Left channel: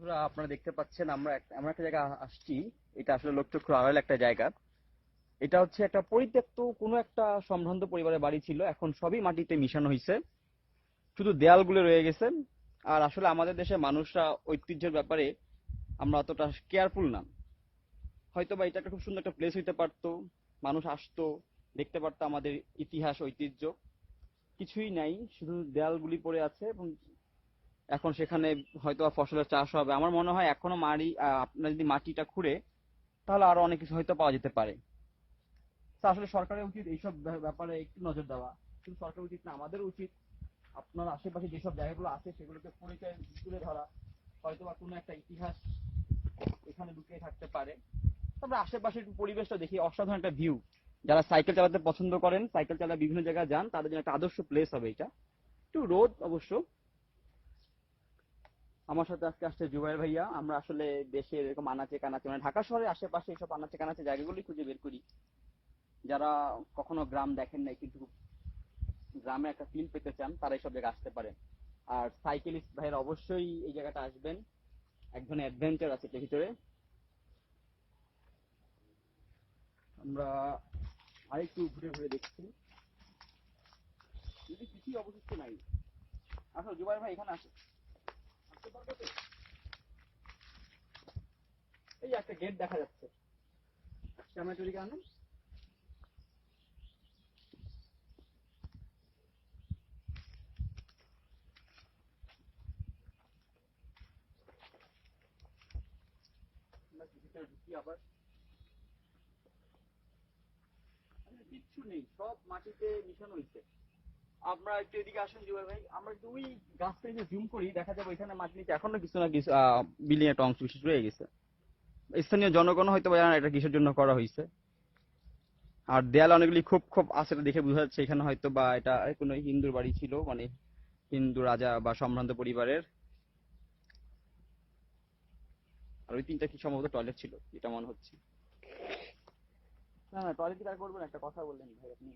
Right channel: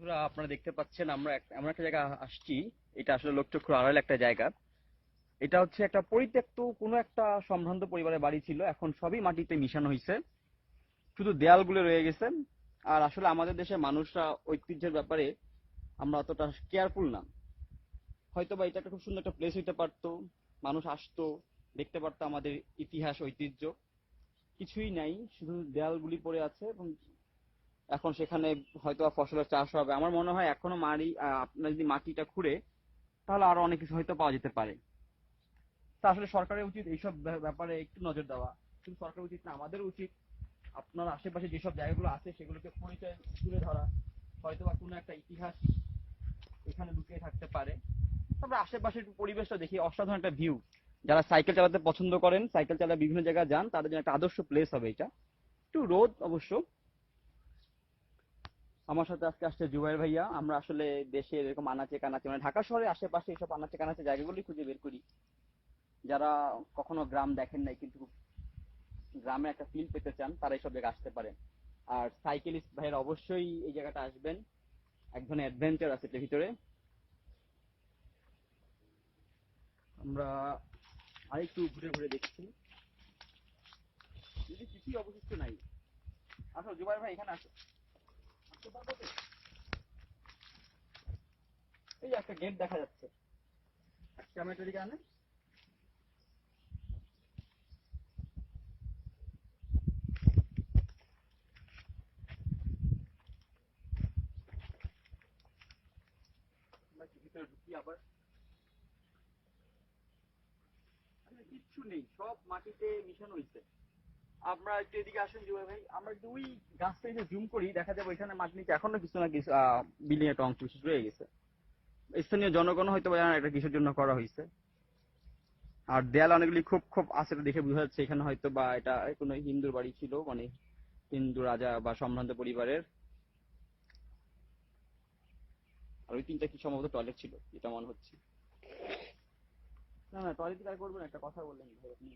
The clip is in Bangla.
আপনারা দেখতে পাচ্ছেন আমরা এমন একটা জায়গা আসছি। এটা আসলে লোকচক্ষুর আড়াল একটা জায়গা। এটা হচ্ছে একটা পরিত্যক্ত কোনো একটা সম্ভ্রান্ত পরিবারের বাড়ি ছিল। এখন সবই মাটিতে মিশানো হয়েছে শুধু দেয়ালগুলো রয়ে গেছে। আর আসলে আমাদের দেশের মানুষরা ঐতিহ্যের ব্যাপারে আমরা অতটা কেয়ারফুল না। হয়তো বা এটা একটা খুব সুন্দর একটা প্লেস হইতে পারতো। মানুষ আসতো, দেখতে পারতো আমাদের ইতিহাস, ঐতিহ্য। কিছুই নাই। শুধু দেয়ালগুলি পড়ে আছে এবং এখন সেখানে হয়তো ফসলের চাষ হবে। আমার মনে হয় এখনও আহ, আপনার যদি মাটিটা খুঁড়ে তাহলে আরও অনেক কিছু হয়তো পাওয়া যেতে পারে। তা আসলে সরকারের উচিত এইসব ব্যাপারে একটু নজর দেওয়া। কিন্তু সরকারের উচিত না আমাদের উচিত আপনার আশেপাশে যেসব জায়গাগুলো আছে সেগুলোকে পরিচয় তুলে ধরা। হয়তো বা কোনো একটা ইতিহাস এখানে লুকিয়ে থাকতে পারে। তারপরে আশেপাশের একটু পরিবেশটা দেখি অসাধারণ একটা ভিউ যারা সাইকেল চালাতে পছন্দ করেন সাইকেল চালা বিভিন্ন জায়গায় যান তাদের জন্য একটা আদর্শ প্লেস হবে এটা। একটু রোদ অবশ্য। আমার সাথে আজকে আসছে জুবাইর ভাইয়া। আমরা আসলে দেশে এরকম আনাচে কানাচে মানে ঢাকা শহরের আশেপাশে এইসব আনাচে কানাচে জায়গাগুলি খুঁজে বের করি। যারা কখনো গ্রাম দেখেন নাই, কিন্তু গ্রামে একটা ফিল পেতে চান, তারা এইসব জায়গায় আসতে পারেন। আর সাইকেলিস্ট ভাইয়ের অবশ্যই এই জায়গাটা আসবেন। এক ধরনের অ্যাডভেঞ্চার আছে এটার ভিতরে। আমরা আরেকটু ঘুরে ঘুরে দেখছি। যদি কিছুই অবশিষ্ট নাই। আসো, জুবাইর ভাই, এখানে আসো আসতে পারব তো? এই যে একটা গেট দেখা যাচ্ছে। কিচ্ছু নেই, সব মাটিতে মিশানো হয়েছে। আমরা একটু এদিকে আসুন জুবাই ভাই। আমরা যদি ওই গাছটা জুম করি, দেখা যাবে ওইখানে মাটি নিচে এখনও কিছু না কিছু বিল্ডিং একটা অংশ বিশেষ রয়ে গেছে। স্থানীয় জনগণ হয়তো জানে এটা কিসের জন্য করা হয়েছে। আর দেয়াল অনেকগুলি খুব খুব আছে দেখে বোঝা যাচ্ছে, এখানে হয়তো বা এটা কোনো হিন্দুর বাড়ি ছিল মানে হিন্দু রাজা বা সম্ভ্রান্ত পরিবারের। আর ওই তিনটা কি সম্ভবত টয়লেট ছিল, এটা মনে হচ্ছে। না না টয়লেট তার করবেন? একটা কথা বললেন ভাই, আপনি